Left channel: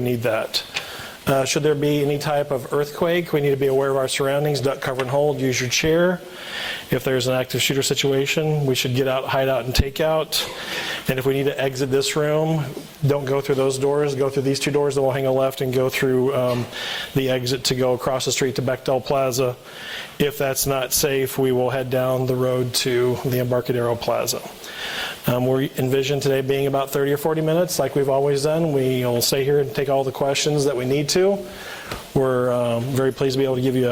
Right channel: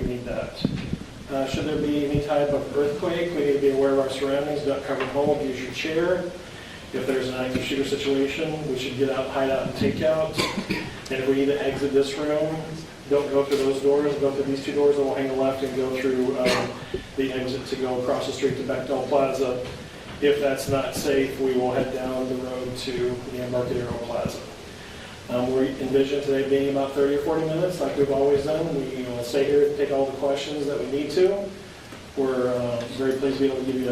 we need that. Should there be any type of earthquake, we need to be aware of our surroundings, duck, cover, and hold, use your chair. If there's an active shooter situation, we should get out, hide out, and take out. And if we need to exit this room, don't go through those doors, go through these two doors, then we'll hang a left and go through the exit to go across the street to Bechtel Plaza. If that's not safe, we will head down the road to the Embarcadero Plaza. We envision today being about 30 or 40 minutes like we've always done. We will stay here and take all the questions that we need to. We're very pleased to be able to give you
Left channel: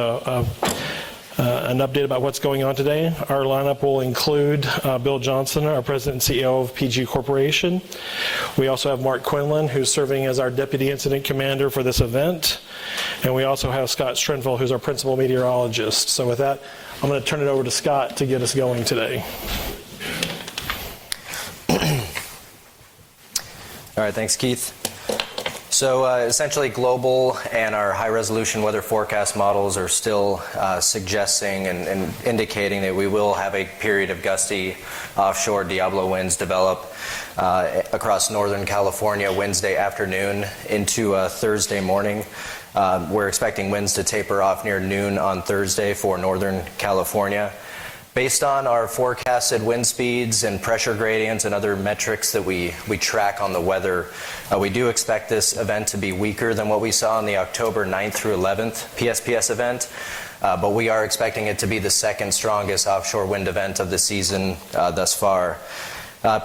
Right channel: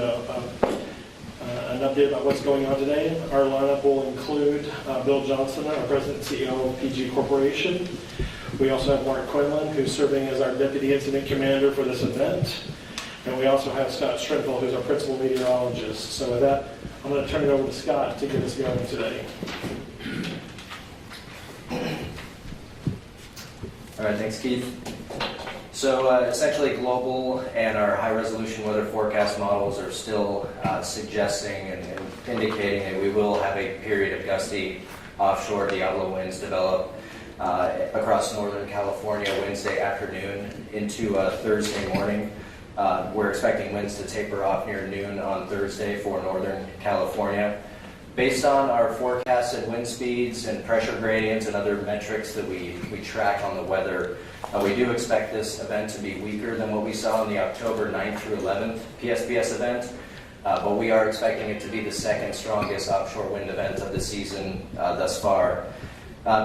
an update about what's going on today. Our lineup will include Bill Johnson, our President and CEO of PG Corporation. We also have Mark Quinlan, who's serving as our Deputy Incident Commander for this event. And we also have Scott Strenfeld, who's our Principal Meteorologist. So with that, I'm going to turn it over to Scott to get us going today. All right, thanks, Keith. So essentially global and our high resolution weather forecast models are still suggesting and indicating that we will have a period of gusty offshore Diablo winds develop across Northern California Wednesday afternoon into Thursday morning. We're expecting winds to taper off near noon on Thursday for Northern California. Based on our forecasted wind speeds and pressure gradients and other metrics that we track on the weather, we do expect this event to be weaker than what we saw in the October 9th through 11th PSPS event, but we are expecting it to be the second strongest offshore wind event of the season thus far.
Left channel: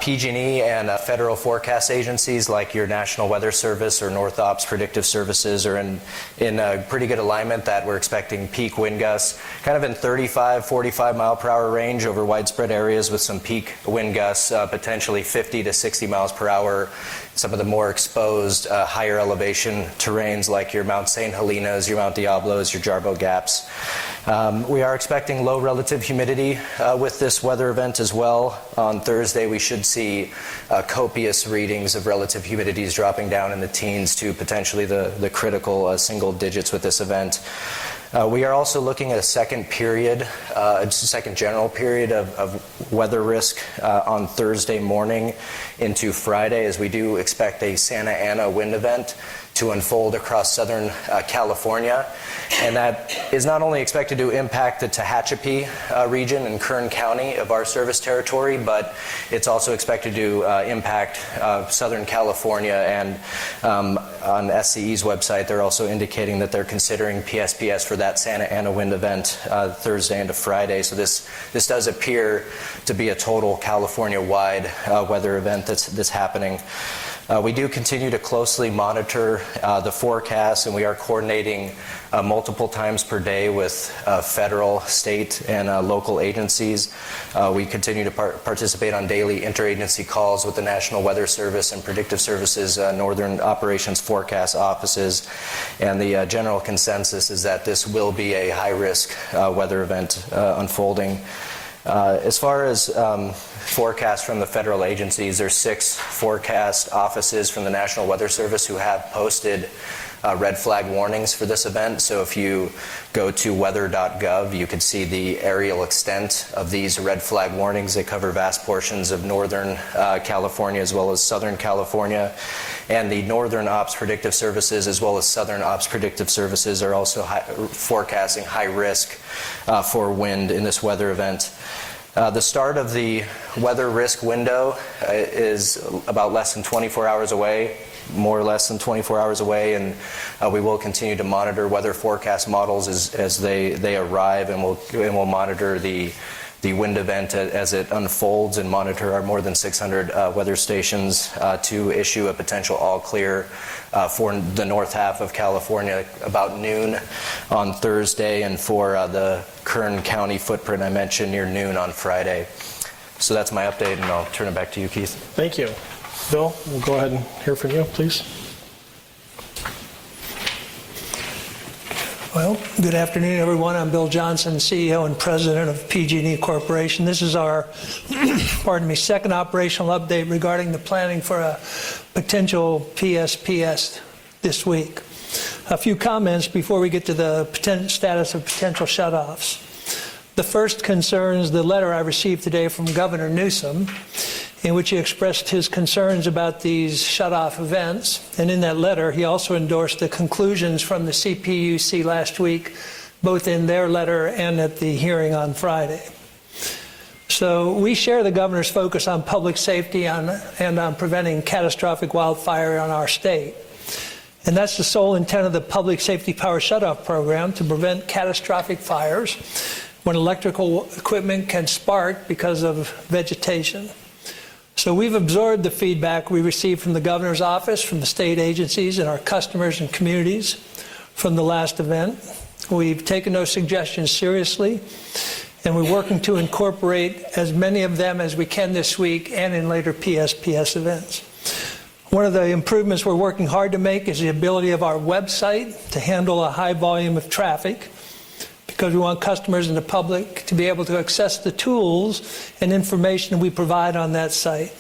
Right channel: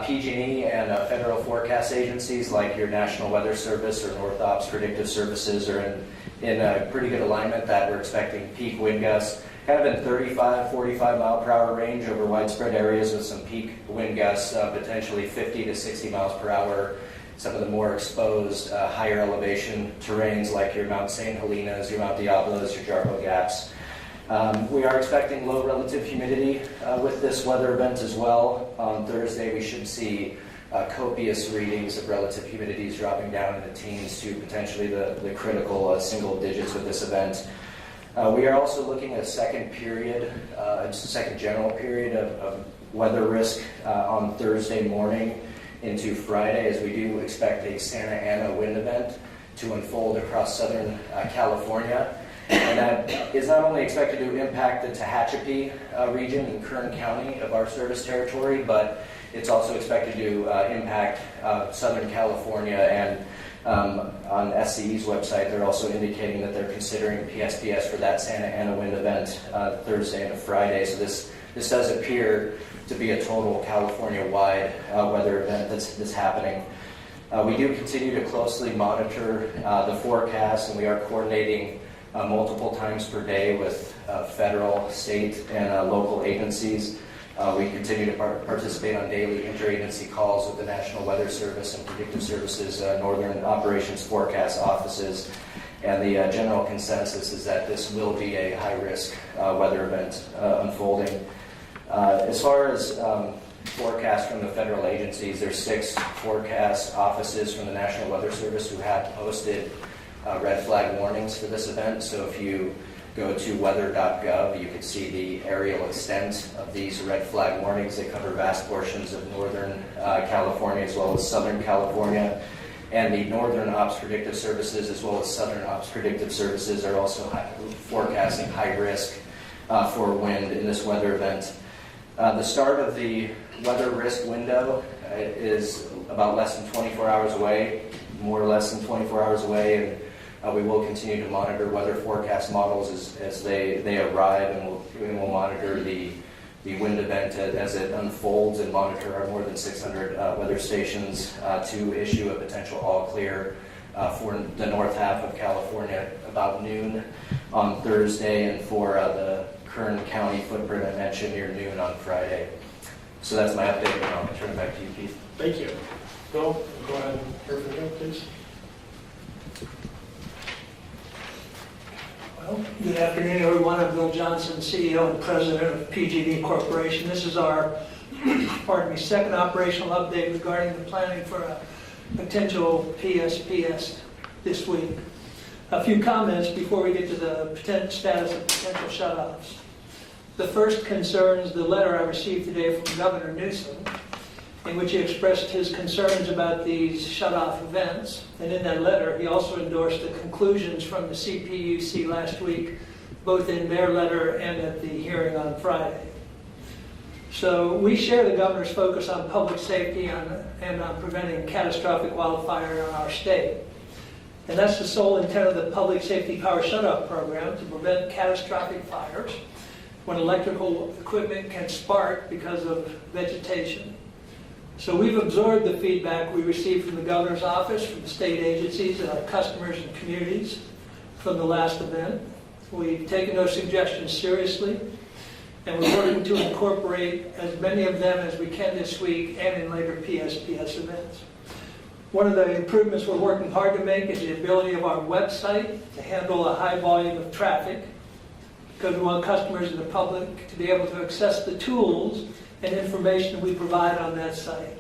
PG&E and federal forecast agencies like your National Weather Service or North Ops Predictive Services are in a pretty good alignment that we're expecting peak wind gusts kind of in 35, 45 mile per hour range over widespread areas with some peak wind gusts potentially 50 to 60 miles per hour. Some of the more exposed higher elevation terrains like your Mount St. Helena's, your Mount Diablos, your Jarbo Gaps. We are expecting low relative humidity with this weather event as well. On Thursday, we should see copious readings of relative humidities dropping down in the teens to potentially the critical single digits with this event. We are also looking at a second period, just a second general period of weather risk on Thursday morning into Friday, as we do expect a Santa Ana wind event to unfold across Southern California. And that is not only expected to impact the Tehachapi region and Kern County of our service territory, but it's also expected to impact Southern California. And on SCE's website, they're also indicating that they're considering PSPS for that Santa Ana wind event Thursday into Friday. So this does appear to be a total California-wide weather event that's happening. We do continue to closely monitor the forecast, and we are coordinating multiple times per day with federal, state, and local agencies. We continue to participate on daily interagency calls with the National Weather Service and Predictive Services Northern Operations Forecast offices, and the general consensus is that this will be a high-risk weather event unfolding. As far as forecasts from the federal agencies, there's 6 forecast offices from the National Weather Service who have posted red flag warnings for this event. So if you go to weather.gov, you can see the aerial extent of these red flag warnings. They cover vast portions of Northern California as well as Southern California. And the Northern Ops Predictive Services as well as Southern Ops Predictive Services are also forecasting high risk for wind in this weather event. The start of the weather risk window is about less than 24 hours away, more or less than 24 hours away, and we will continue to monitor weather forecast models as they arrive, and we'll monitor the wind event as it unfolds and monitor our more than 600 weather stations to issue a potential all clear for the north half of California about noon on Thursday, and for the Kern County footprint I mentioned near noon on Friday. So that's my update, and I'll turn it back to you, Keith. Thank you. Bill, we'll go ahead and hear from you, please. Well, good afternoon, everyone. I'm Bill Johnson, CEO and President of PG&E Corporation. This is our, second operational update regarding the planning for a potential PSPS this week. A few comments before we get to the status of potential shutoffs. The first concerns the letter I received today from Governor Newsom. in which he expressed his concerns about these shut-off events. And in that letter, he also endorsed the conclusions from the CPUC last week, both in their letter and at the hearing on Friday. So we share the governor's focus on public safety and on preventing catastrophic wildfire in our state. And that's the sole intent of the Public Safety Power Shutoff program, to prevent catastrophic fires when electrical equipment can spark because of vegetation. So we've absorbed the feedback we received from the governor's office, from the state agencies, and our customers and communities from the last event. We've taken those suggestions seriously, and we're working to incorporate as many of them as we can this week and in later PSPS events. One of the improvements we're working hard to make is the ability of our website to handle a high volume of traffic, because we want customers and the public to be able to access the tools and information we provide on that site.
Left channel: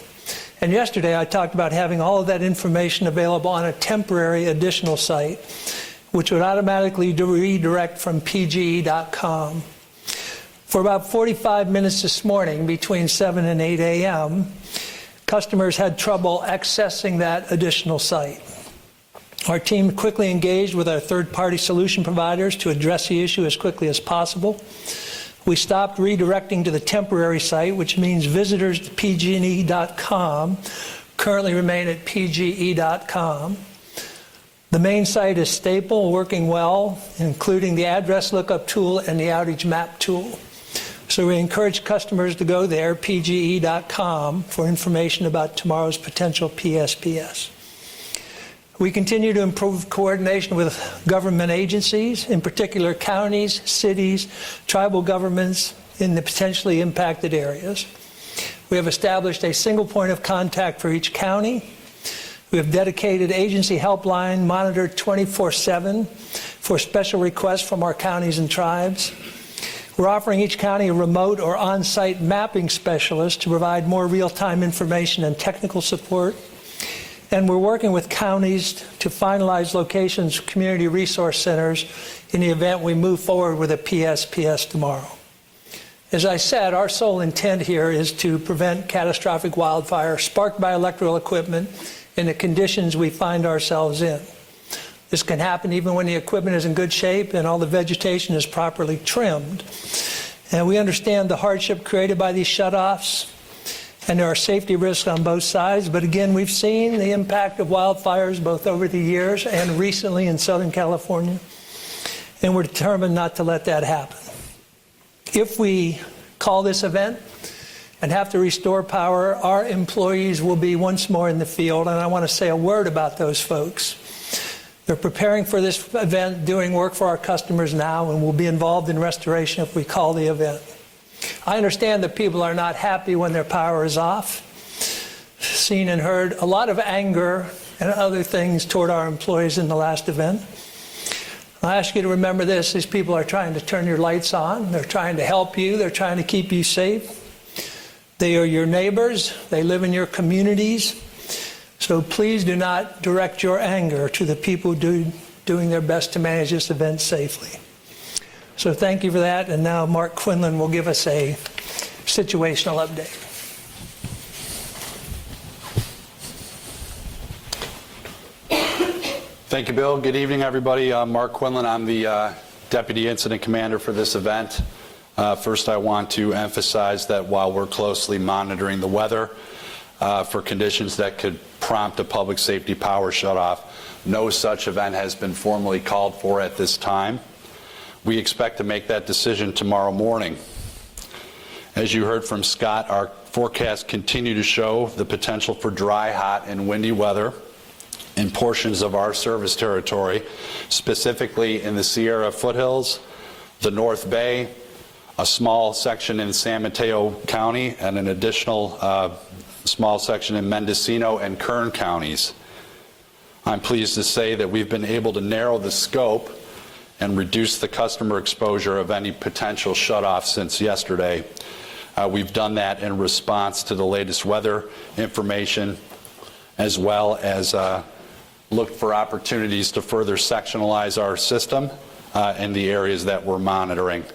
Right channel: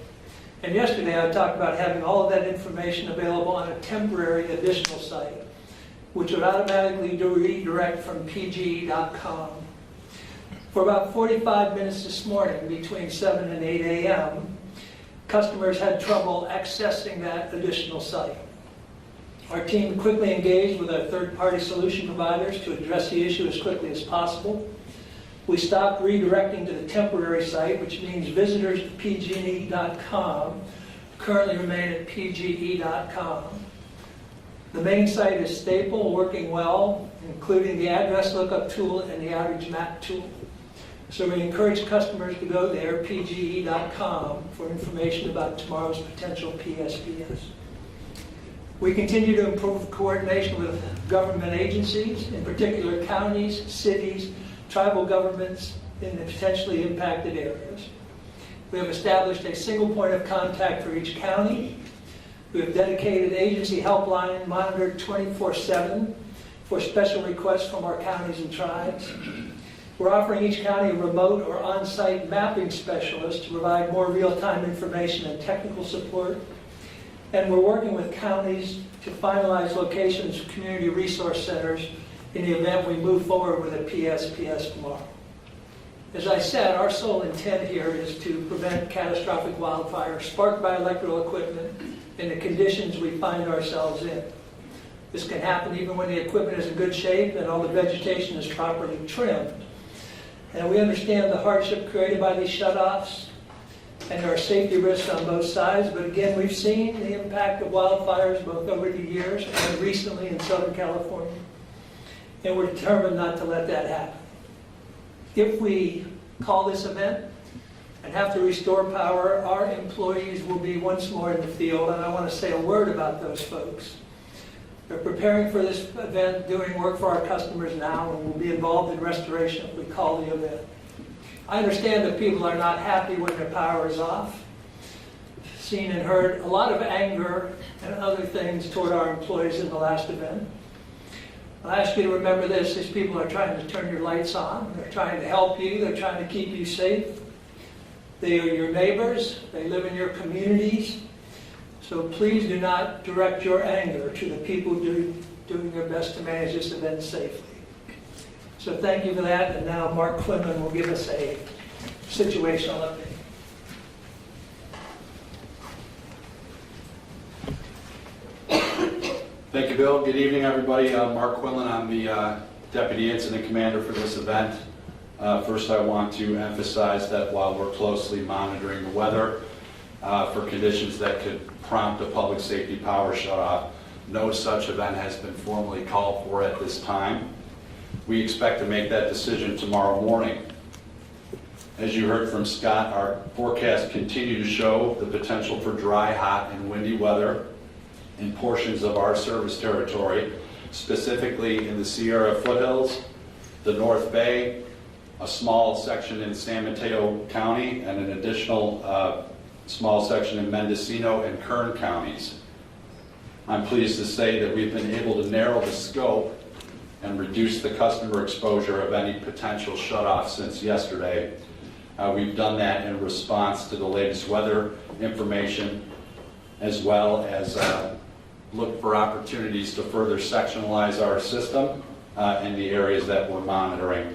And yesterday I talked about having all of that information available on a temporary additional site, which would automatically redirect from PG&E.com. For about 45 minutes this morning, between 7 and 8 a.m., customers had trouble accessing that additional site. Our team quickly engaged with our third-party solution providers to address the issue as quickly as possible. We stopped redirecting to the temporary site, which means visitors to PG&E.com currently remain at PGE.com. The main site is stable, working well, including the address lookup tool and the outage map tool. So we encourage customers to go there, PGE.com, for information about tomorrow's potential PSPS. We continue to improve coordination with government agencies, in particular counties, cities, tribal governments in the potentially impacted areas. We have established a single point of contact for each county. We have dedicated agency helpline monitored 24/7 for special requests from our counties and tribes. We're offering each county a remote or on-site mapping specialist to provide more real-time information and technical support. And we're working with counties to finalize locations for community resource centers in the event we move forward with a PSPS tomorrow. As I said, our sole intent here is to prevent catastrophic wildfire sparked by electrical equipment in the conditions we find ourselves in. This can happen even when the equipment is in good shape and all the vegetation is properly trimmed. And we understand the hardship created by these shutoffs, and there are safety risks on both sides. But again, we've seen the impact of wildfires both over the years and recently in Southern California, and we're determined not to let that happen. If we call this event and have to restore power, our employees will be once more in the field, and I want to say a word about those folks. They're preparing for this event, doing work for our customers now, and will be involved in restoration if we call the event. I understand that people are not happy when their power is off. Seen and heard a lot of anger and other things toward our employees in the last event. I ask you to remember this: these people are trying to turn your lights on, they're trying to help you, they're trying to keep you safe. They are your neighbors, they live in your communities. So please do not direct your anger to the people doing their best to manage this event safely. So thank you for that, and now Mark Quinlan will give us a situational update. Thank you, Bill. Good evening, everybody. Mark Quinlan. I'm the Deputy Incident Commander for this event. First, I want to emphasize that while we're closely monitoring the weather for conditions that could prompt a public safety power shutoff, no such event has been formally called for at this time. We expect to make that decision tomorrow morning. As you heard from Scott, our forecasts continue to show the potential for dry, hot, and windy weather in portions of our service territory, specifically in the Sierra foothills, the North Bay, a small section in San Mateo County, and an additional small section in Mendocino and Kern counties. I'm pleased to say that we've been able to narrow the scope and reduce the customer exposure of any potential shutoff since yesterday. We've done that in response to the latest weather information, as well as looked for opportunities to further sectionalize our system in the areas that we're monitoring.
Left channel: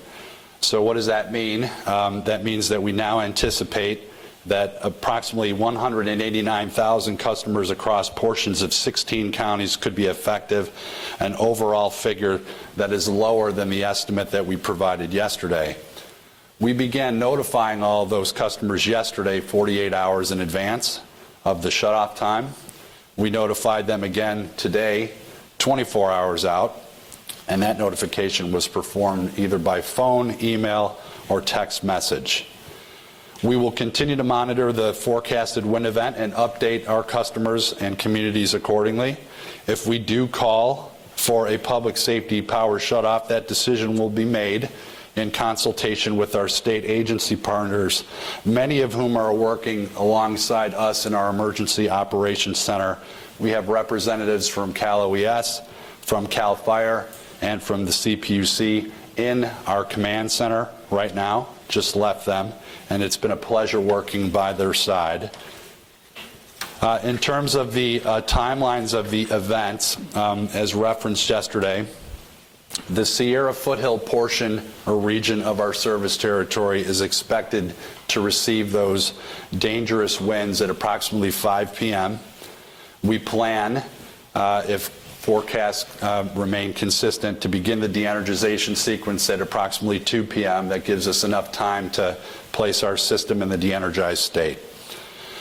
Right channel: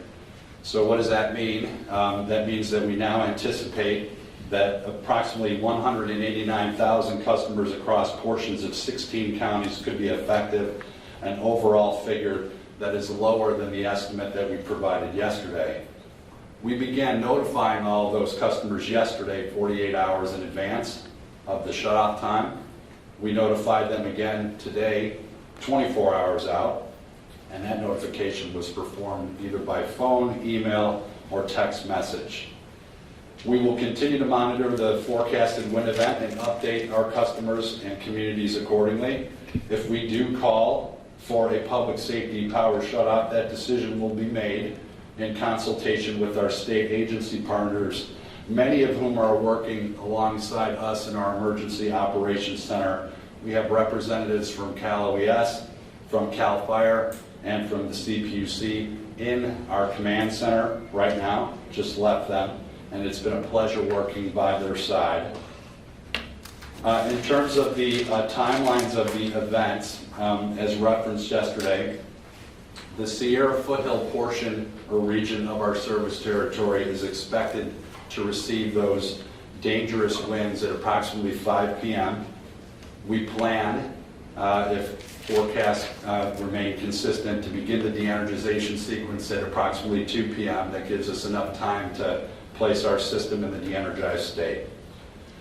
So what does that mean? That means that we now anticipate that approximately 189,000 customers across portions of 16 counties could be effective, an overall figure that is lower than the estimate that we provided yesterday. We began notifying all of those customers yesterday, 48 hours in advance of the shutoff time. We notified them again today, 24 hours out, and that notification was performed either by phone, email, or text message. We will continue to monitor the forecasted wind event and update our customers and communities accordingly. If we do call for a public safety power shutoff, that decision will be made in consultation with our state agency partners, many of whom are working alongside us in our Emergency Operations Center. We have representatives from Cal OES, from Cal Fire, and from the CPUC in our command center right now, just left them, and it's been a pleasure working by their side. In terms of the timelines of the events, as referenced yesterday, the Sierra Foothill portion or region of our service territory is expected to receive those dangerous winds at approximately 5 p.m. We plan, if forecasts remain consistent, to begin the de-energization sequence at approximately 2 p.m. That gives us enough time to place our system in the de-energized state.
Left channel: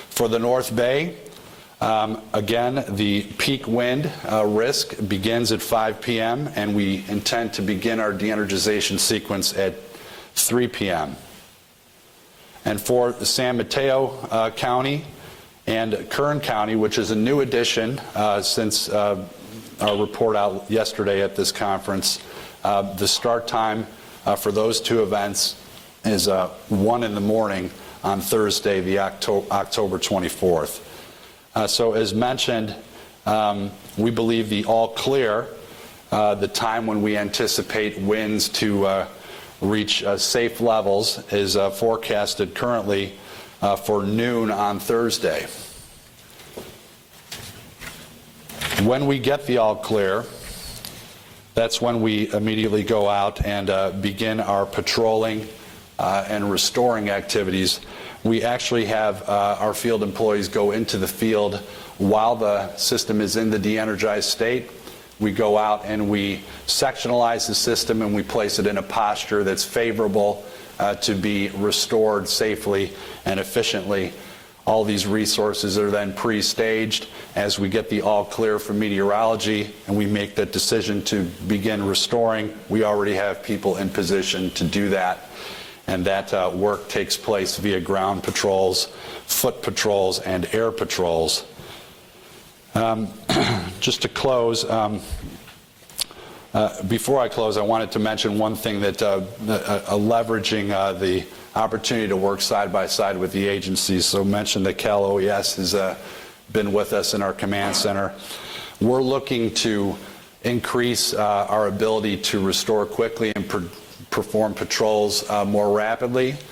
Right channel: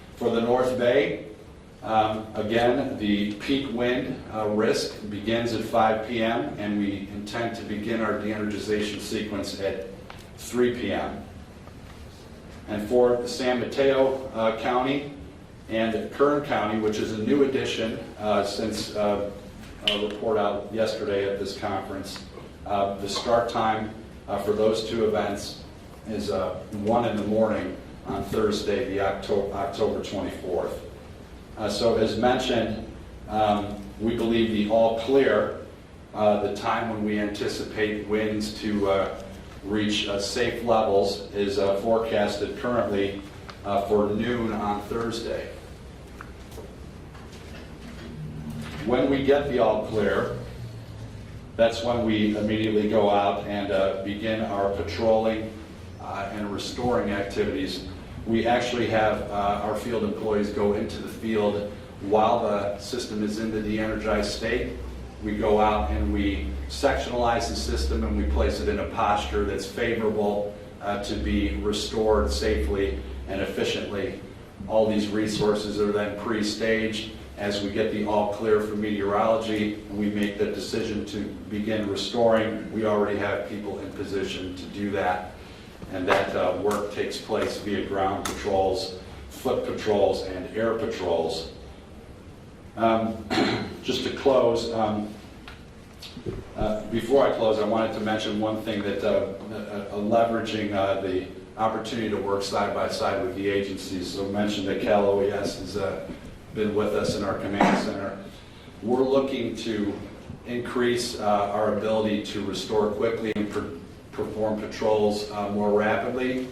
For the North Bay, again, the peak wind risk begins at 5 p.m. and we intend to begin our de-energization sequence at 3 p.m. And for San Mateo County and Kern County, which is a new addition since our report out yesterday at this conference, the start time for those two events is 1 in the morning on Thursday, the October 24th. So as mentioned, we believe the all clear, the time when we anticipate winds to reach safe levels, is forecasted currently for noon on Thursday. When we get the all clear, that's when we immediately go out and begin our patrolling and restoring activities. We actually have our field employees go into the field while the system is in the de-energized state. We go out and we sectionalize the system and we place it in a posture that's favorable to be restored safely and efficiently. All these resources are then pre-staged. As we get the all clear from meteorology and we make that decision to begin restoring, we already have people in position to do that. And that work takes place via ground patrols, foot patrols, and air patrols. Just to close, before I close, I wanted to mention one thing that leveraging the opportunity to work side by side with the agencies. So mentioned that Cal OES has been with us in our command center. We're looking to increase our ability to restore quickly and perform patrols more rapidly.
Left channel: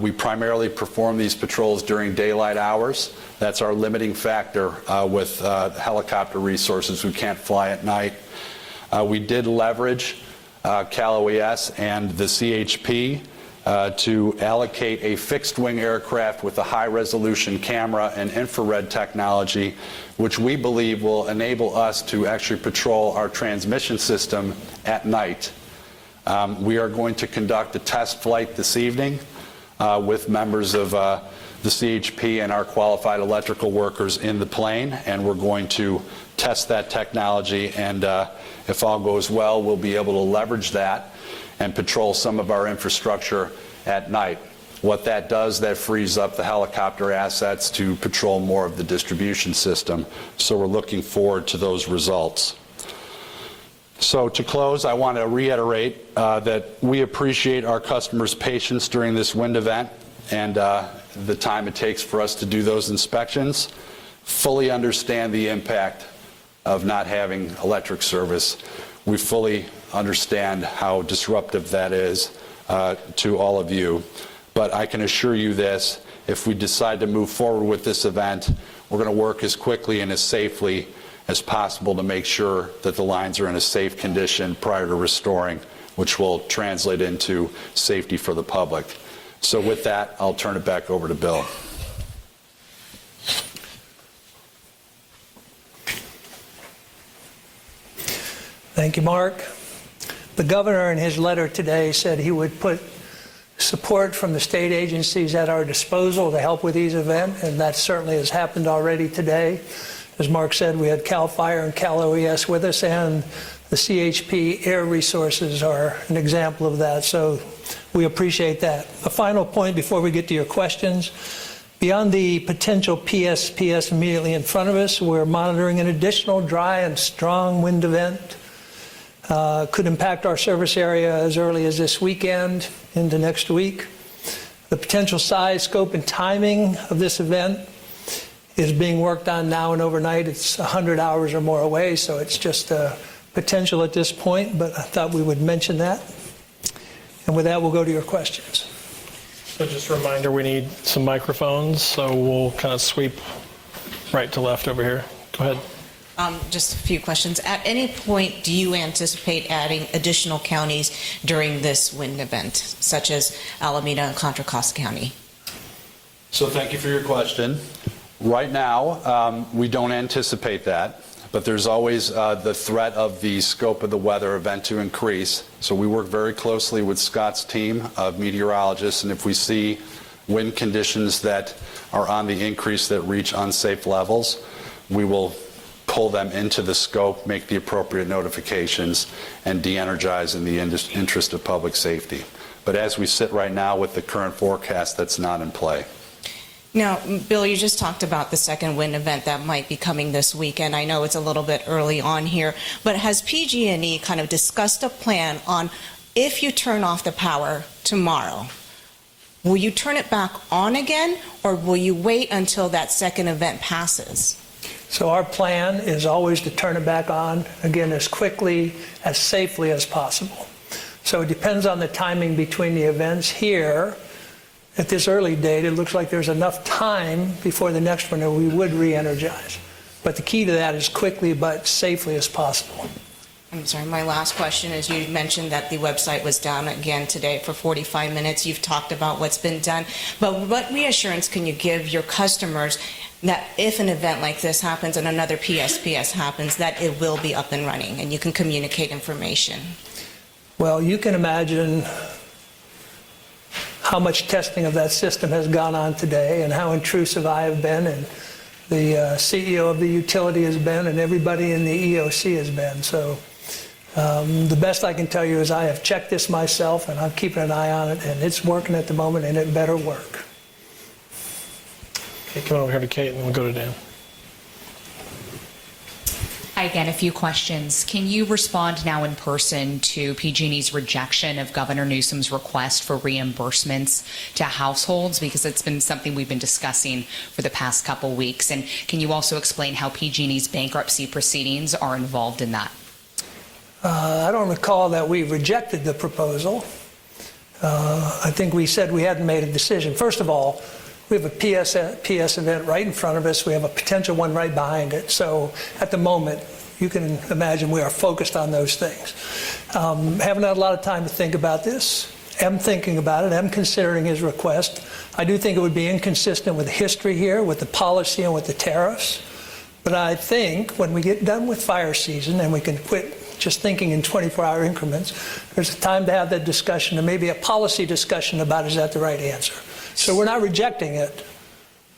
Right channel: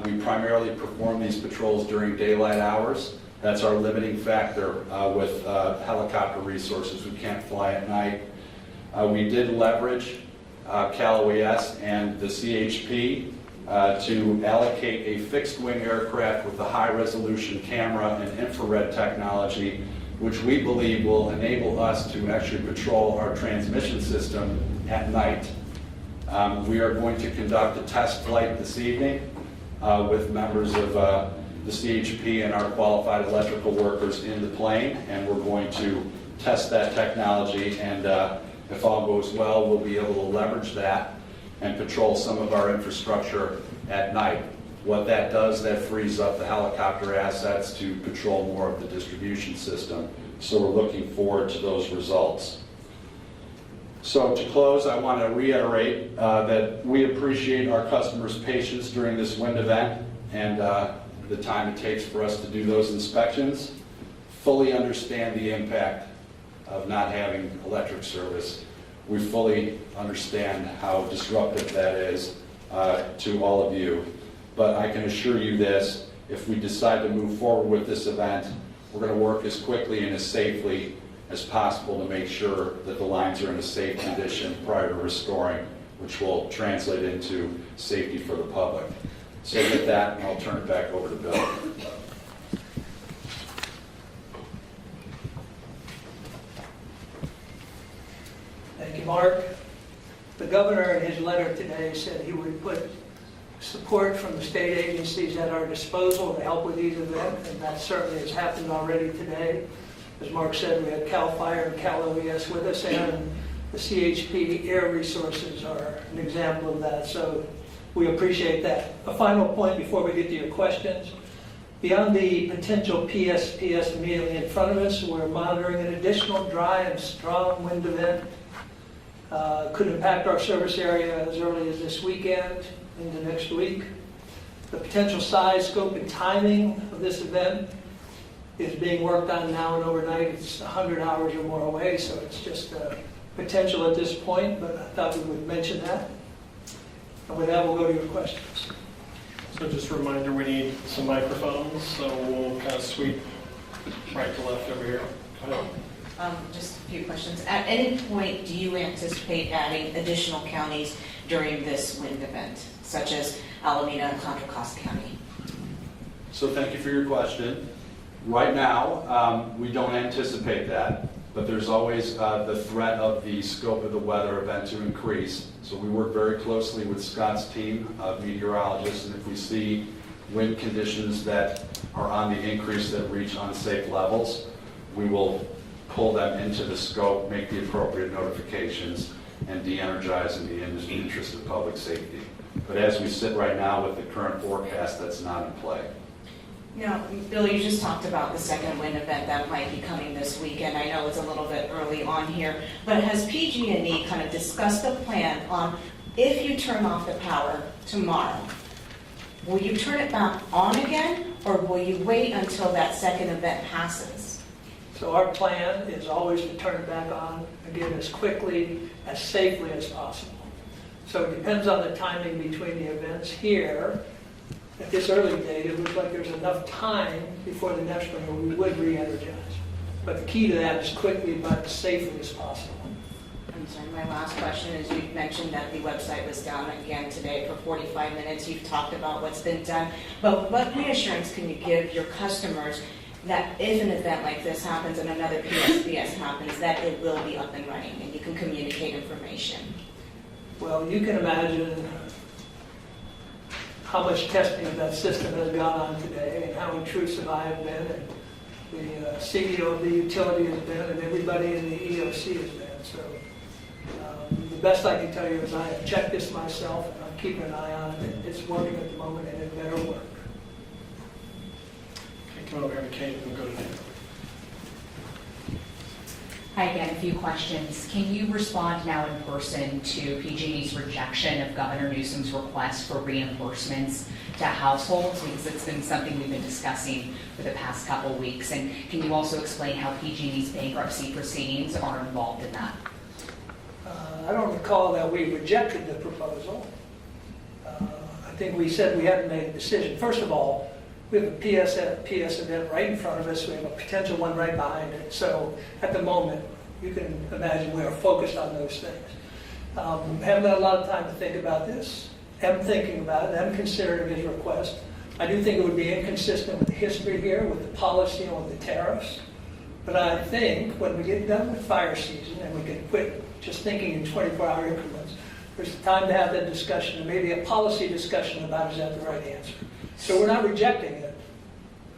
We primarily perform these patrols during daylight hours. That's our limiting factor with helicopter resources. We can't fly at night. We did leverage Cal OES and the CHP to allocate a fixed-wing aircraft with a high-resolution camera and infrared technology, which we believe will enable us to actually patrol our transmission system at night. We are going to conduct a test flight this evening with members of the CHP and our qualified electrical workers in the plane, and we're going to test that technology, and if all goes well, we'll be able to leverage that and patrol some of our infrastructure at night. What that does, that frees up the helicopter assets to patrol more of the distribution system. So we're looking forward to those results. So to close, I want to reiterate that we appreciate our customers' patience during this wind event and the time it takes for us to do those inspections. Fully understand the impact of not having electric service. We fully understand how disruptive that is to all of you. But I can assure you this, if we decide to move forward with this event, we're going to work as quickly and as safely as possible to make sure that the lines are in a safe condition prior to restoring, which will translate into safety for the public. So with that, I'll turn it back over to Bill. Thank you, Mark. The governor in his letter today said he would put support from the state agencies at our disposal to help with these events, and that certainly has happened already today. As Mark said, we had CAL FIRE and Cal OES with us, and the CHP Air Resources are an example of that, so we appreciate that. A final point before we get to your questions. Beyond the potential PSPS immediately in front of us, we're monitoring an additional dry and strong wind event. Could impact our service area as early as this weekend into next week. The potential size, scope, and timing of this event is being worked on now and overnight. It's 100 hours or more away, so it's just a potential at this point, but I thought we would mention that. And with that, we'll go to your questions. So just a reminder, we need some microphones, so we'll kind of sweep right to left over here. Go ahead. Just a few questions. At any point, do you anticipate adding additional counties during this wind event, such as Alameda and Contra Costa County? So thank you for your question. Right now, we don't anticipate that, but there's always the threat of the scope of the weather event to increase. So we work very closely with Scott's team of meteorologists, and if we see wind conditions that are on the increase that reach unsafe levels, we will pull them into the scope, make the appropriate notifications, and de-energize in the interest of public safety. But as we sit right now with the current forecast, that's not in play. Now, Bill, you just talked about the second wind event that might be coming this weekend. I know it's a little bit early on here, but has PG&E kind of discussed a plan on if you turn off the power tomorrow, will you turn it back on again, or will you wait until that second event passes? So our plan is always to turn it back on, again, as quickly, as safely as possible. So it depends on the timing between the events here. At this early date, it looks like there's enough time before the next one that we would re-energize. But the key to that is quickly but safely as possible. I'm sorry, my last question is, you mentioned that the website was down again today for 45 minutes. You've talked about what's been done, but what reassurance can you give your customers that if an event like this happens and another PSPS happens, that it will be up and running and you can communicate information? Well, you can imagine how much testing of that system has gone on today and how intrusive I have been and the CEO of the utility has been and everybody in the EOC has been. So the best I can tell you is I have checked this myself and I'm keeping an eye on it, and it's working at the moment, and it better work. Okay, come over here to Kate and we'll go to Dan. Hi again, a few questions. Can you respond now in person to PG&E's rejection of Governor Newsom's request for reimbursements to households? Because it's been something we've been discussing for the past couple weeks. And can you also explain how PG&E's bankruptcy proceedings are involved in that? I don't recall that we rejected the proposal. I think we said we hadn't made a decision. First of all, we have a PS event right in front of us. We have a potential one right behind it. So at the moment, you can imagine we are focused on those things. Haven't had a lot of time to think about this. Am thinking about it. Am considering his request. I do think it would be inconsistent with the history here, with the policy and with the tariffs. But I think when we get done with fire season and we can quit just thinking in 24-hour increments, there's a time to have that discussion and maybe a policy discussion about is that the right answer. So we're not rejecting it,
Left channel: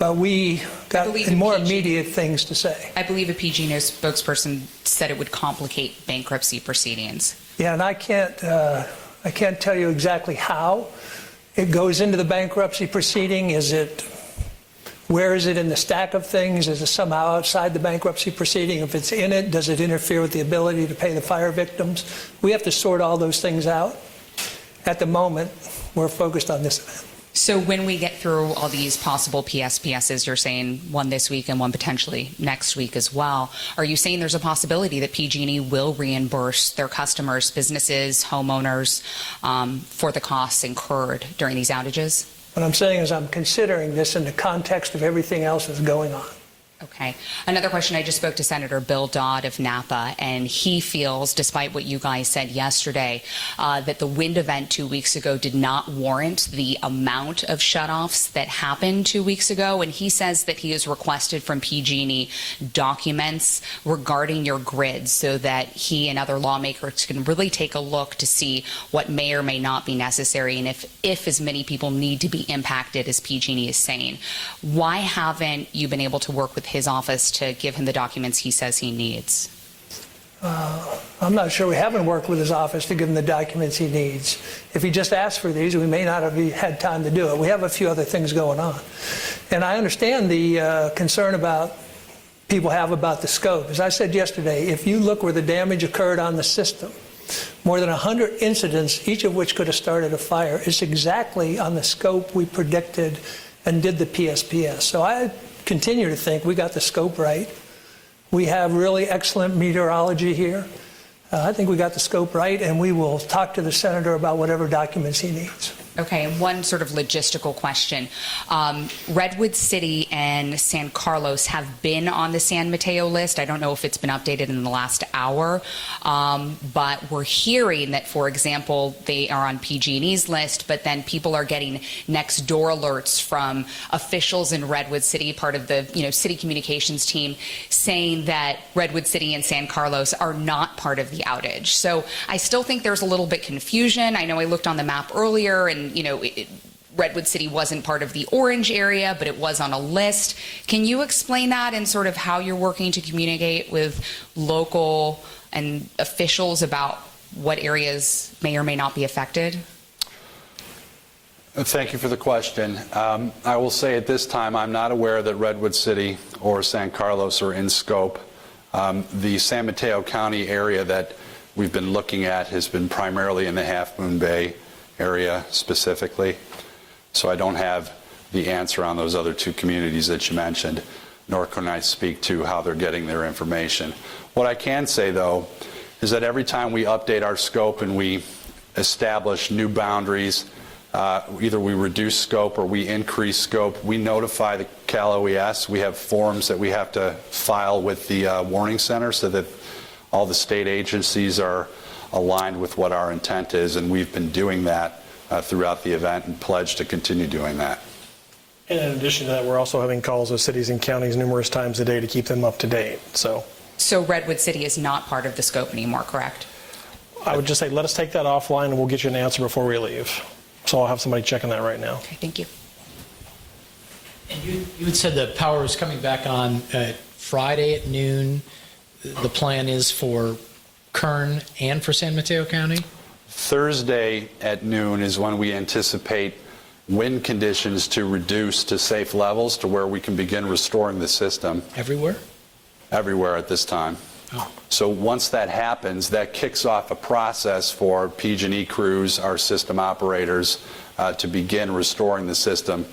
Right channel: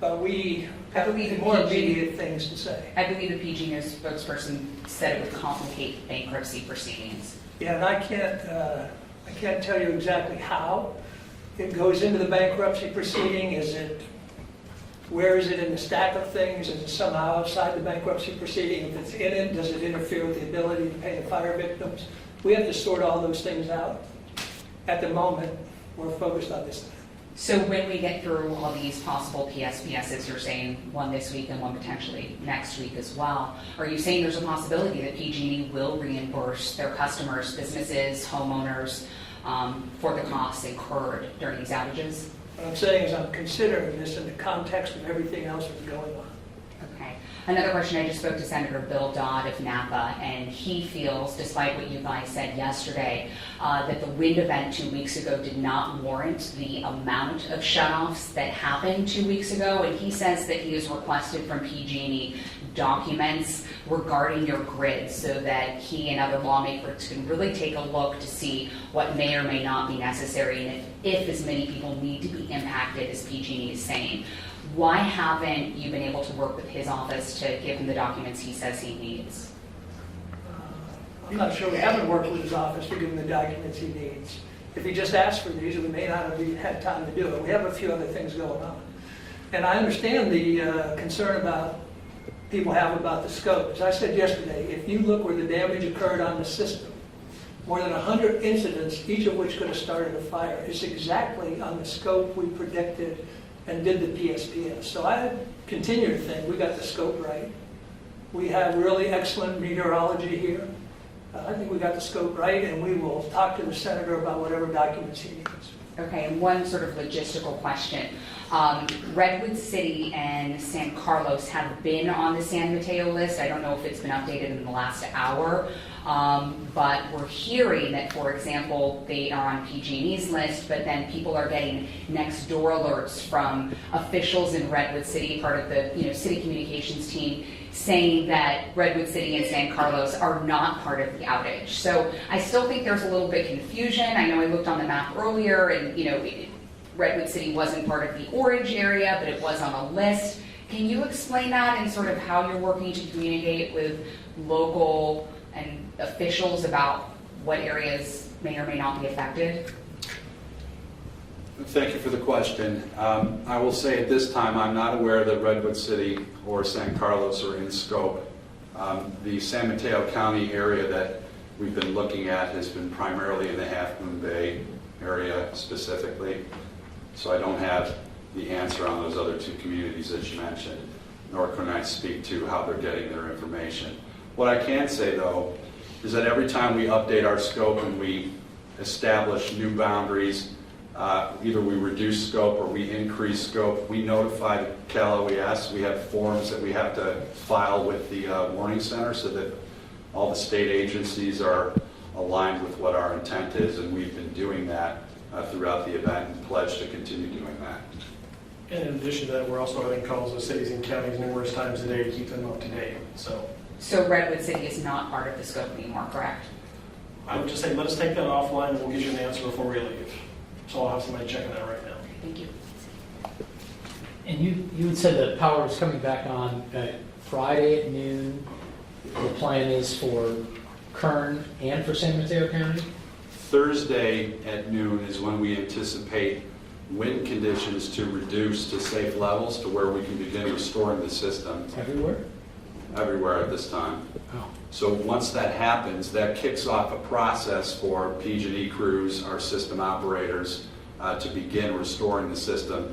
but we got more immediate things to say. I believe a PG&E spokesperson said it would complicate bankruptcy proceedings. Yeah, and I can't tell you exactly how it goes into the bankruptcy proceeding. Where is it in the stack of things? Is it somehow outside the bankruptcy proceeding? If it's in it, does it interfere with the ability to pay the fire victims? We have to sort all those things out. At the moment, we're focused on this event. So when we get through all these possible PSPSs, you're saying one this week and one potentially next week as well, are you saying there's a possibility that PG&E will reimburse their customers, businesses, homeowners, for the costs incurred during these outages? What I'm saying is I'm considering this in the context of everything else that's going on. Okay. Okay. Another question, I just spoke to Senator Bill Dodd of Napa, and he feels, despite what you guys said yesterday, that the wind event 2 weeks ago did not warrant the amount of shutoffs that happened 2 weeks ago, and he says that he has requested from PG&E documents regarding your grid so that he and other lawmakers can really take a look to see what may or may not be necessary, and if as many people need to be impacted as PG&E is saying. Why haven't you been able to work with his office to give him the documents he says he needs? I'm not sure we haven't worked with his office to give him the documents he needs. If he just asked for these, we may not have had time to do it. We have a few other things going on. And I understand the concern about people have about the scope. As I said yesterday, if you look where the damage occurred on the system, more than 100 incidents, each of which could have started a fire, is exactly on the scope we predicted and did the PSPS. So I continue to think we got the scope right. We have really excellent meteorology here. I think we got the scope right, and we will talk to the senator about whatever documents he needs. Okay, and one sort of logistical question. Redwood City and San Carlos have been on the San Mateo list. I don't know if it's been updated in the last hour, but we're hearing that, for example, they are on PG&E's list, but then people are getting next door alerts from officials in Redwood City, part of the city communications team, saying that Redwood City and San Carlos are not part of the outage. So I still think there's a little bit confusion. I know I looked on the map earlier, and Redwood City wasn't part of the orange area, but it was on a list. Can you explain that and sort of how you're working to communicate with local and officials about what areas may or may not be affected? Thank you for the question. I will say at this time, I'm not aware that Redwood City or San Carlos are in scope. The San Mateo County area that we've been looking at has been primarily in the Half Moon Bay area specifically. So I don't have the answer on those other two communities that you mentioned, nor can I speak to how they're getting their information. What I can say, though, is that every time we update our scope and we establish new boundaries, either we reduce scope or we increase scope, we notify the Cal OES. We have forms that we have to file with the warning center so that all the state agencies are aligned with what our intent is, and we've been doing that throughout the event and pledge to continue doing that. And in addition to that, we're also having calls with cities and counties numerous times a day to keep them up to date. So Redwood City is not part of the scope anymore, correct? I would just say let us take that offline and we'll get you an answer before we leave. So I'll have somebody checking that right now. Okay, thank you. And you had said the power is coming back on Friday at noon. The plan is for Kern and for San Mateo County? Thursday at noon is when we anticipate wind conditions to reduce to safe levels to where we can begin restoring the system. Everywhere? Everywhere at this time. Oh. So once that happens, that kicks off a process for PG&E crews, our system operators, to begin restoring the system.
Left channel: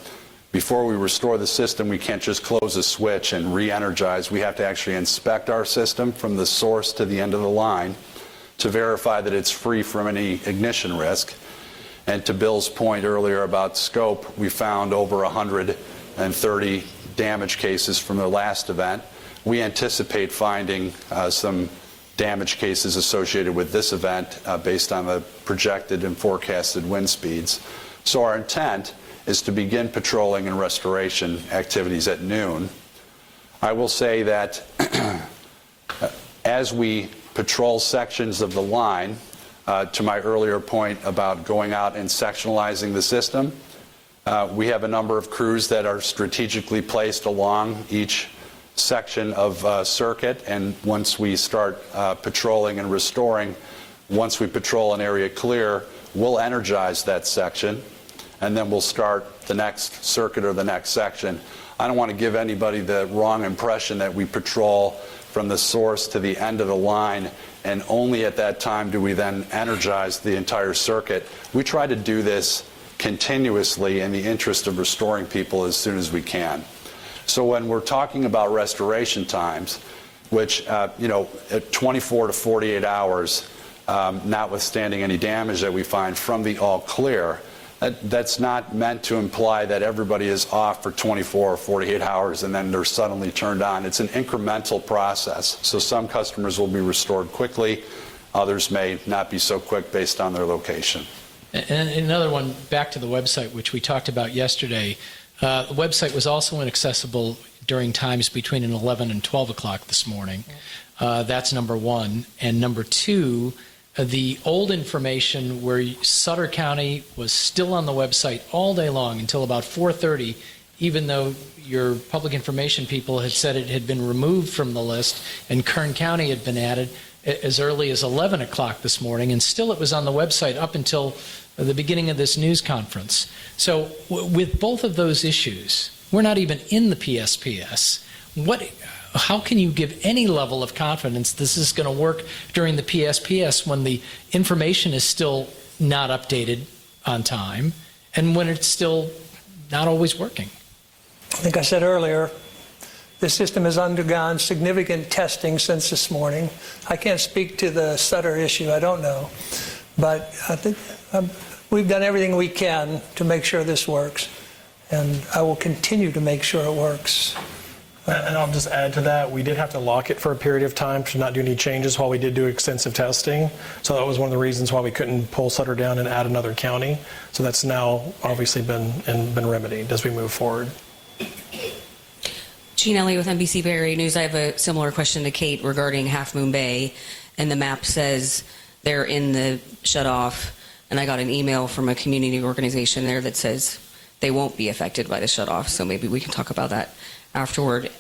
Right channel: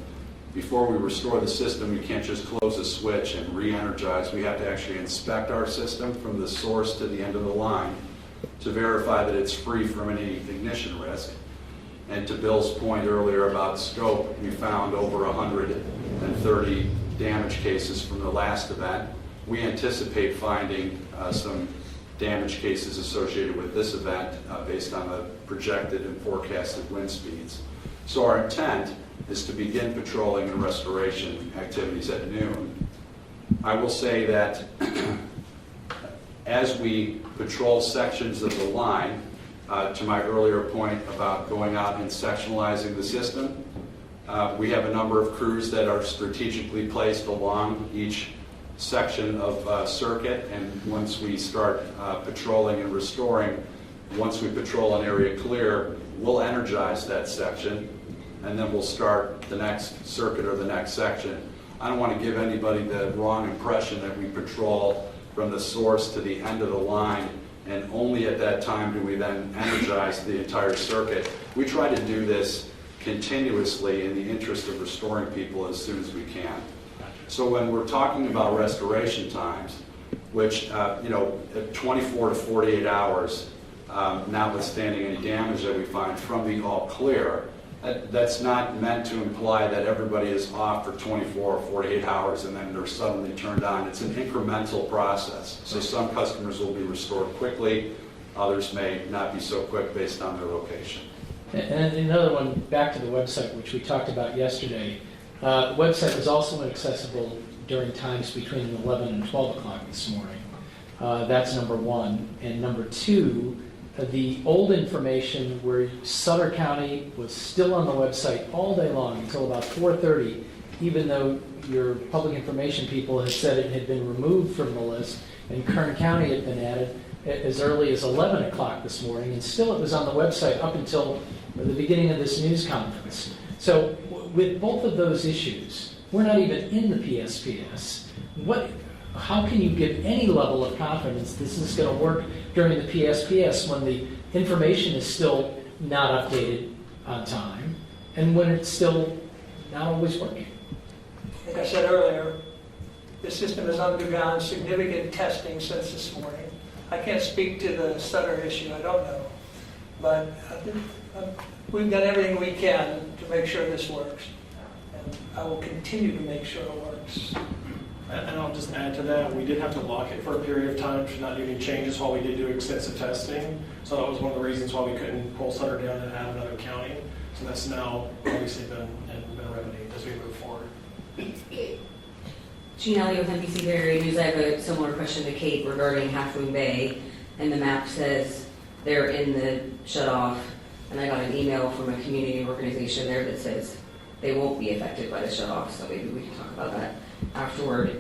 Before we restore the system, we can't just close a switch and re-energize. We have to actually inspect our system from the source to the end of the line to verify that it's free from any ignition risk. And to Bill's point earlier about scope, we found over 130 damage cases from the last event. We anticipate finding some damage cases associated with this event based on the projected and forecasted wind speeds. So our intent is to begin patrolling and restoration activities at noon. I will say that as we patrol sections of the line, to my earlier point about going out and sectionalizing the system, we have a number of crews that are strategically placed along each section of circuit, and once we start patrolling and restoring, once we patrol an area clear, we'll energize that section, and then we'll start the next circuit or the next section. I don't want to give anybody the wrong impression that we patrol from the source to the end of the line, and only at that time do we then energize the entire circuit. We try to do this continuously in the interest of restoring people as soon as we can. So when we're talking about restoration times, which, at 24 to 48 hours, notwithstanding any damage that we find from the all clear, That's not meant to imply that everybody is off for 24 or 48 hours and then they're suddenly turned on. It's an incremental process. So some customers will be restored quickly, others may not be so quick based on their location. And another one, back to the website, which we talked about yesterday. The website was also inaccessible during times between 11 and 12 o'clock this morning. That's number one. And number two, the old information where Sutter County was still on the website all day long until about 4:30, even though your public information people had said it had been removed from the list and Kern County had been added as early as 11 o'clock this morning, and still it was on the website up until the beginning of this news conference. So with both of those issues, we're not even in the PSPS. How can you give any level of confidence this is going to work during the PSPS when the information is still not updated on time and when it's still not always working? I think I said earlier, the system has undergone significant testing since this morning. I can't speak to the Sutter issue, I don't know. But I think we've done everything we can to make sure this works. And I will continue to make sure it works. And I'll just add to that, we did have to lock it for a period of time to not do any changes while we did do extensive testing. So that was one of the reasons why we couldn't pull Sutter down and add another county. So that's now obviously been remedied as we move forward. Jean Elliott with NBC Bay Area News. I have a similar question to Kate regarding Half Moon Bay. And the map says they're in the shut off. And I got an email from a community organization there that says they won't be affected by the shut off. So maybe we can talk about that afterward.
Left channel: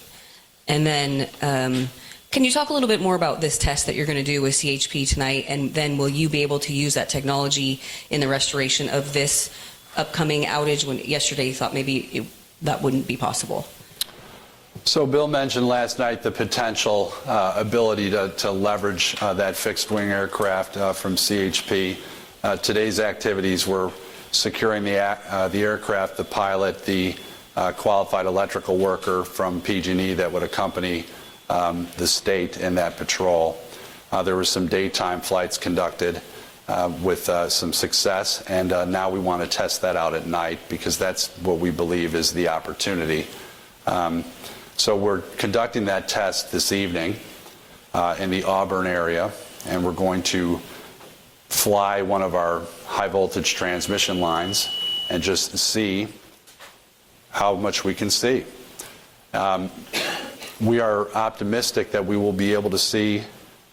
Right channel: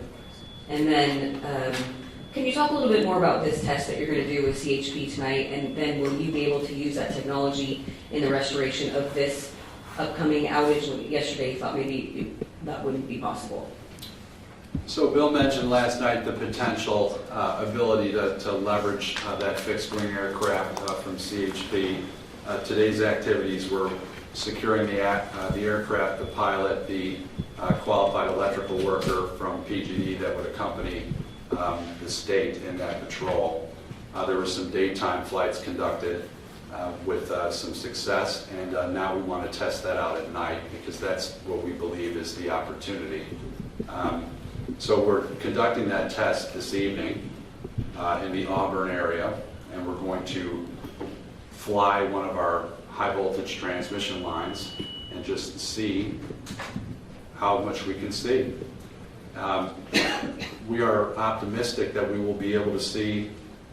And then can you talk a little bit more about this test that you're going to do with CHP tonight? And then will you be able to use that technology in the restoration of this upcoming outage when yesterday you thought maybe that wouldn't be possible? So Bill mentioned last night the potential ability to leverage that fixed wing aircraft from CHP. Today's activities were securing the aircraft, the pilot, the qualified electrical worker from PG&E that would accompany the state in that patrol. There were some daytime flights conducted with some success, and now we want to test that out at night because that's what we believe is the opportunity. So we're conducting that test this evening in the Auburn area, and we're going to fly one of our high voltage transmission lines and just see how much we can see. We are optimistic that we will be able to see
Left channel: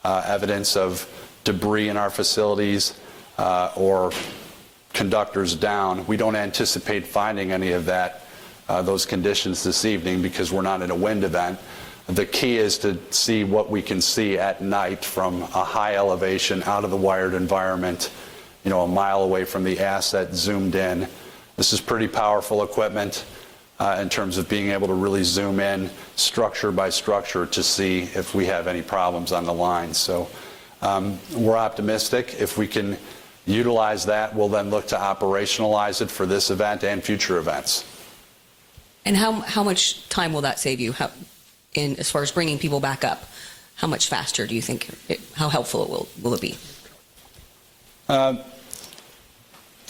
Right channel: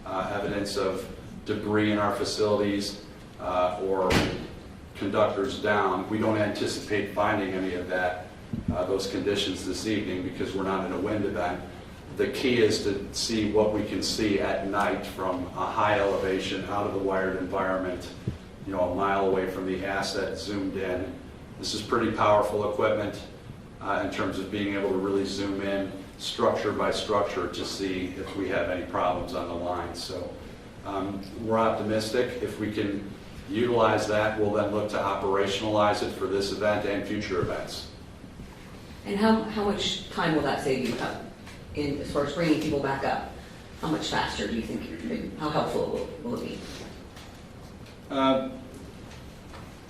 evidence of debris in our facilities or conductors down. We don't anticipate finding any of that, those conditions this evening because we're not in a wind event. The key is to see what we can see at night from a high elevation out of the wired environment, you know, a mile away from the asset zoomed in. This is pretty powerful equipment in terms of being able to really zoom in structure by structure to see if we have any problems on the line. So we're optimistic. If we can utilize that, we'll then look to operationalize it for this event and future events. And how much time will that save you as far as bringing people back up? How much faster do you think, how helpful will it be?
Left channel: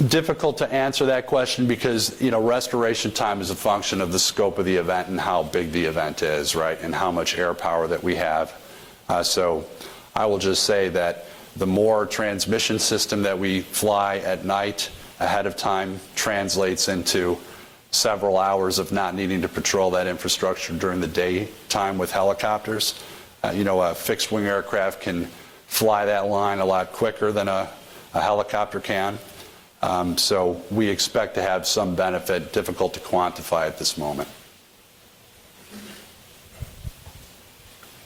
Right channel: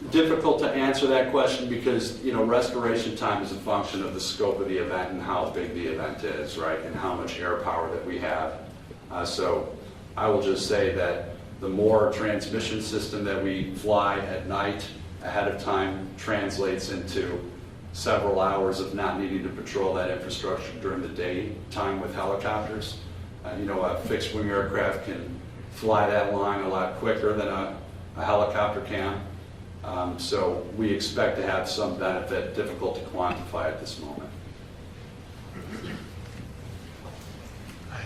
Difficult to answer that question because, you know, restoration time is a function of the scope of the event and how big the event is, right, and how much air power that we have. So I will just say that the more transmission system that we fly at night ahead of time translates into several hours of not needing to patrol that infrastructure during the daytime with helicopters. You know, a fixed wing aircraft can fly that line a lot quicker than a helicopter can. So we expect to have some benefit, difficult to quantify at this moment.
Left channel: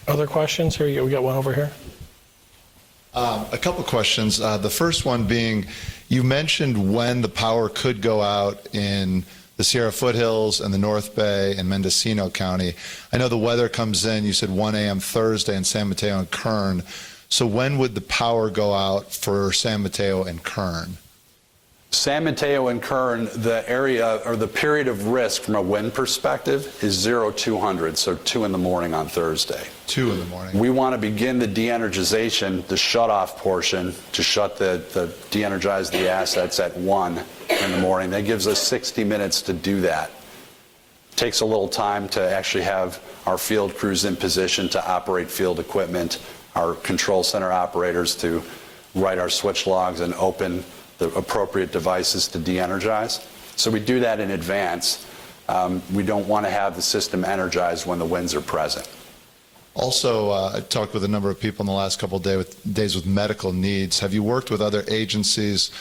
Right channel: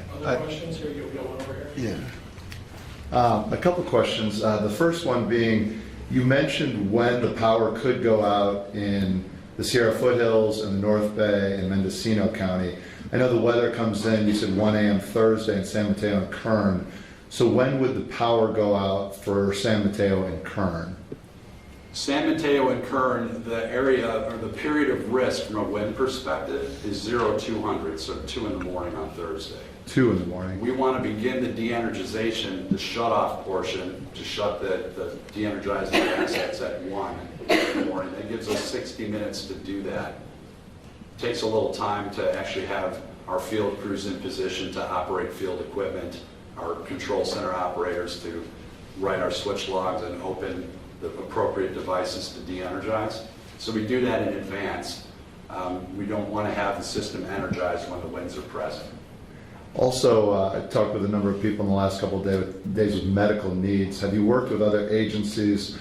Other questions? Here, we got one over here. Yeah. A couple questions. The first one being, you mentioned when the power could go out in the Sierra Foothills and the North Bay and Mendocino County. I know the weather comes in, you said 1 a.m. Thursday in San Mateo and Kern. So when would the power go out for San Mateo and Kern? San Mateo and Kern, the area or the period of risk from a wind perspective is 0200, so 2 in the morning on Thursday. 2 in the morning. We want to begin the de-energization, the shut-off portion, to shut de-energize the assets at 1 in the morning. That gives us 60 minutes to do that. Takes a little time to actually have our field crews in position to operate field equipment, our control center operators to write our switch logs and open the appropriate devices to de-energize. So we do that in advance. We don't want to have the system energized when the winds are present. Also, I talked with a number of people in the last couple of days with medical needs. Have you worked with other agencies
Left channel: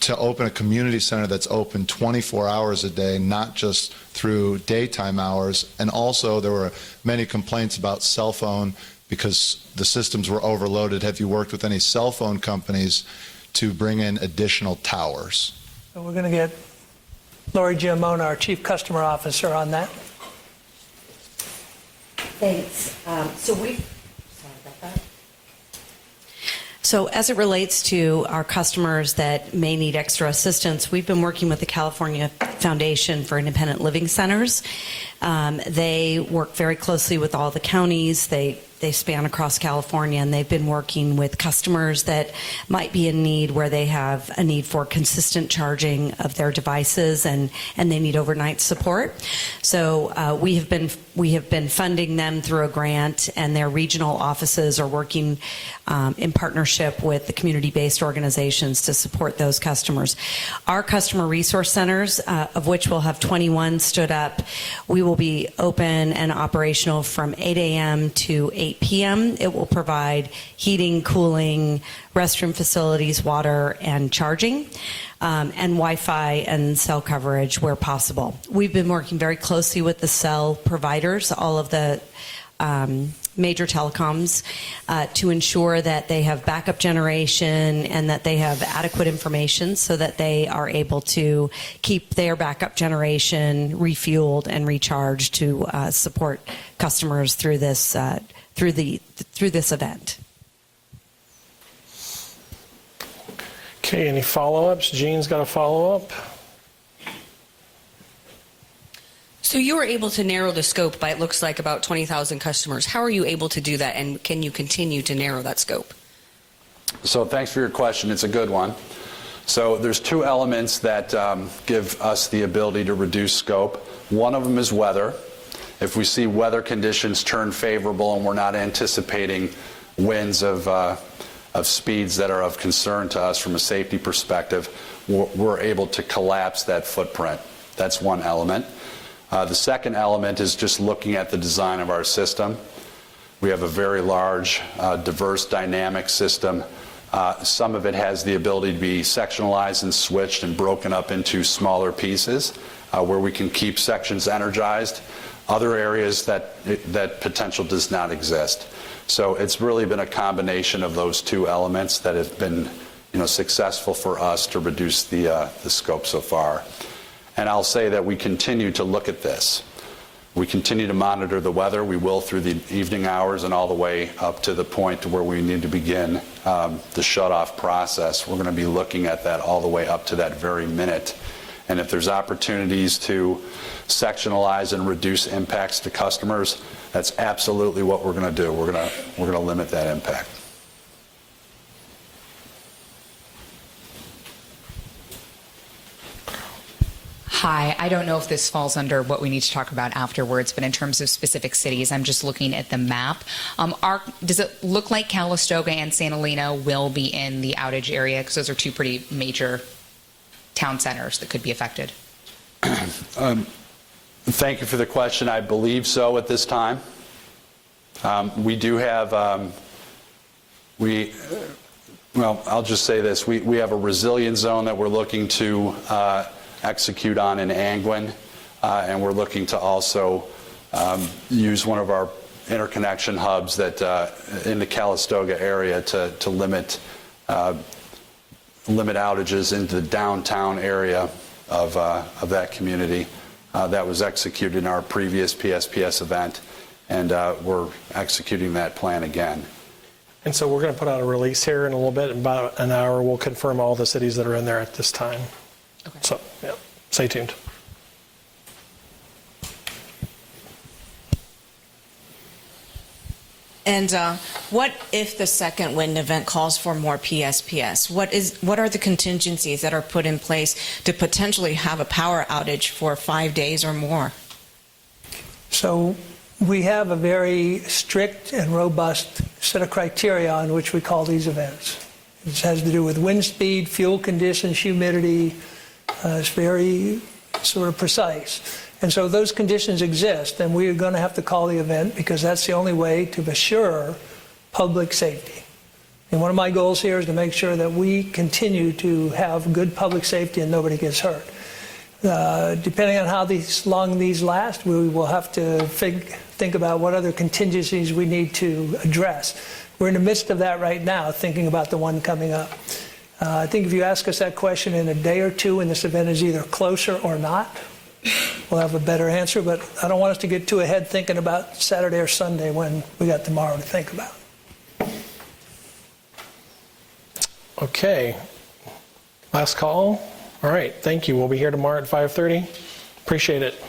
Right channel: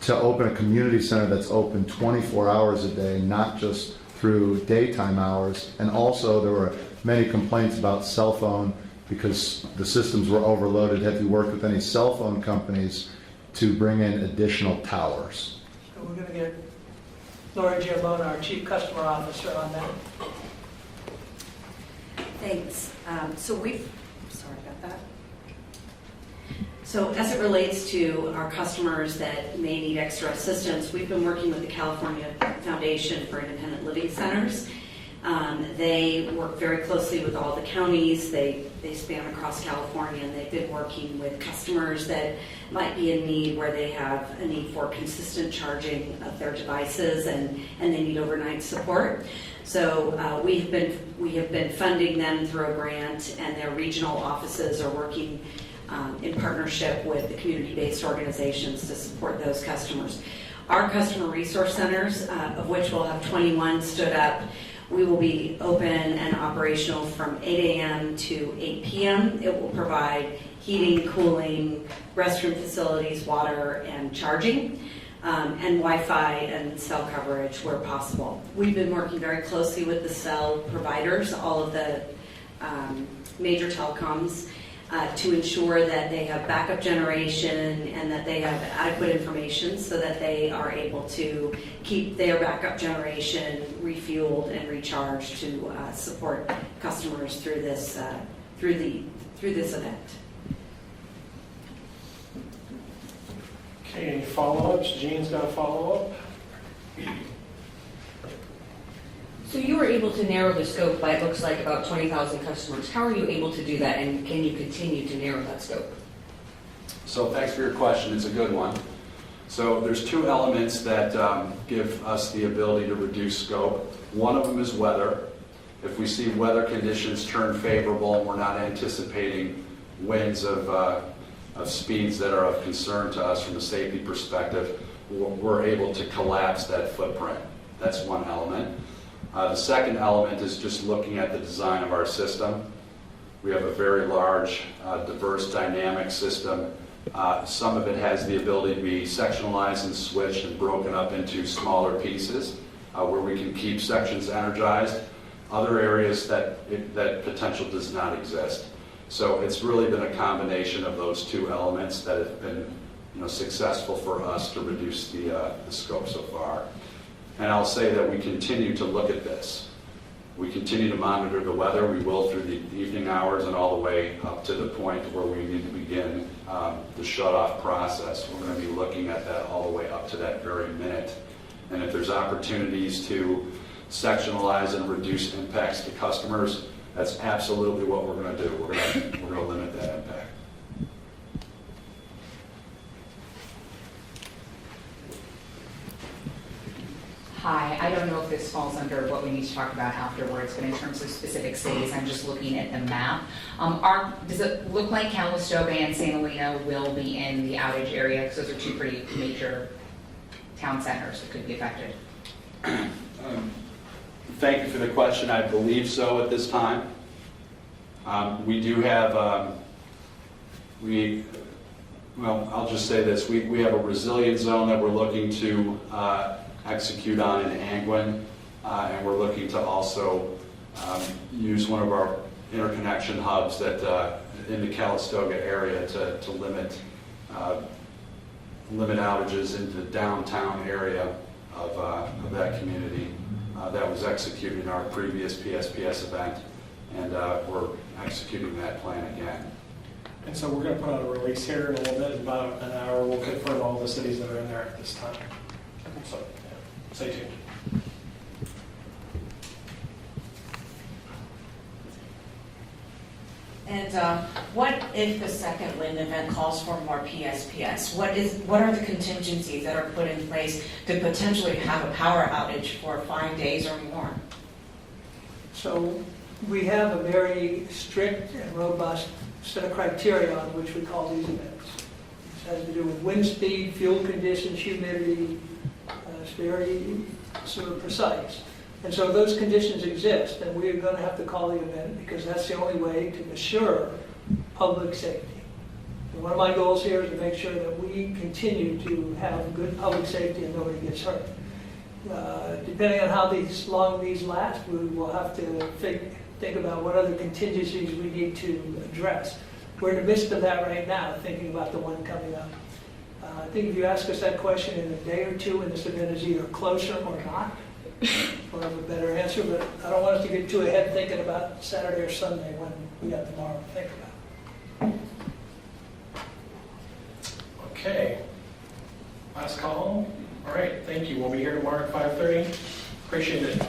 to open a community center that's open 24 hours a day, not just through daytime hours? And also, there were many complaints about cell phone because the systems were overloaded. Have you worked with any cell phone companies to bring in additional towers? So we're going to get Lori Giamona, our Chief Customer Officer, on that. Thanks. Sorry about that. So as it relates to our customers that may need extra assistance, we've been working with the California Foundation for Independent Living Centers. They work very closely with all the counties. They span across California, and they've been working with customers that might be in need, where they have a need for consistent charging of their devices, and they need overnight support. So we have been funding them through a grant, and their regional offices are working in partnership with the community-based organizations to support those customers. Our customer resource centers, of which we'll have 21 stood up, we will be open and operational from 8 a.m. to 8 p.m. It will provide heating, cooling, restroom facilities, water, and charging, and Wi-Fi and cell coverage where possible. We've been working very closely with the cell providers, all of the major telecoms, to ensure that they have backup generation and that they have adequate information so that they are able to keep their backup generation refueled and recharged to support customers through this event. Okay, any follow-ups? Jean's got a follow-up. So you were able to narrow the scope by, it looks like, about 20,000 customers. How are you able to do that, and can you continue to narrow that scope? So thanks for your question. It's a good one. So there's 2 elements that give us the ability to reduce scope. One of them is weather. If we see weather conditions turn favorable and we're not anticipating winds of speeds that are of concern to us from a safety perspective, we're able to collapse that footprint. That's one element. The second element is just looking at the design of our system. We have a very large, diverse, dynamic system. Some of it has the ability to be sectionalized and switched and broken up into smaller pieces where we can keep sections energized. Other areas that potential does not exist. So it's really been a combination of those 2 elements that have been, successful for us to reduce the scope so far. And I'll say that we continue to look at this. We continue to monitor the weather. We will through the evening hours and all the way up to the point to where we need to begin the shut-off process. We're going to be looking at that all the way up to that very minute. And if there's opportunities to sectionalize and reduce impacts to customers, that's absolutely what we're going to do. We're going to limit that impact. Hi, I don't know if this falls under what we need to talk about afterwards, but in terms of specific cities, I'm just looking at the map. Does it look like Calistoga and Santa Elena will be in the outage area? Because those are 2 pretty major town centers that could be affected. Thank you for the question. I believe so at this time. We do have, I'll just say this. We have a resilience zone that we're looking to execute on in Angwin, and we're looking to also use one of our interconnection hubs that in the Calistoga area to limit outages into the downtown area of that community. That was executed in our previous PSPS event, and we're executing that plan again. And so we're going to put out a release here in a little bit. In about an hour, we'll confirm all the cities that are in there at this time. So, yeah, stay tuned. And what if the second wind event calls for more PSPS? What are the contingencies that are put in place to potentially have a power outage for 5 days or more? So we have a very strict and robust set of criteria on which we call these events. This has to do with wind speed, fuel conditions, humidity. It's very sort of precise. And so those conditions exist, and we are going to have to call the event because that's the only way to assure public safety. And one of my goals here is to make sure that we continue to have good public safety and nobody gets hurt. Depending on how long these last, we will have to think about what other contingencies we need to address. We're in the midst of that right now, thinking about the one coming up. I think if you ask us that question in a day or two and this event is either closer or not, we'll have a better answer, but I don't want us to get too ahead thinking about Saturday or Sunday when we got tomorrow to think about. Okay. Last call. All right, thank you. We'll be here tomorrow at 5:30. Appreciate it.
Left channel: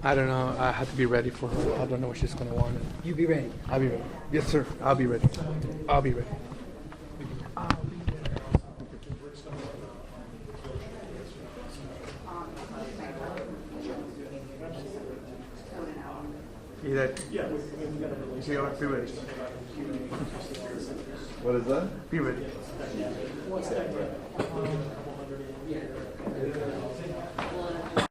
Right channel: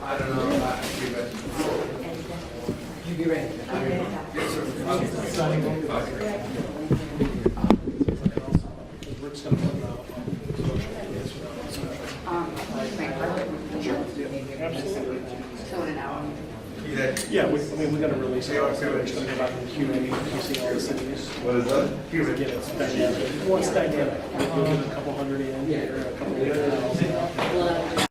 I don't know. I have to be ready for it. I don't know if she's going to want it. You be ready. I'll be ready. Yes, sir. I'll be ready. I'll be ready. Yeah, we got to release it. It's going to go back to the Q&A. You see all the cities. Again, it's dynamic. Well, it's dynamic. We'll get a couple hundred in, or a couple hundred thousand.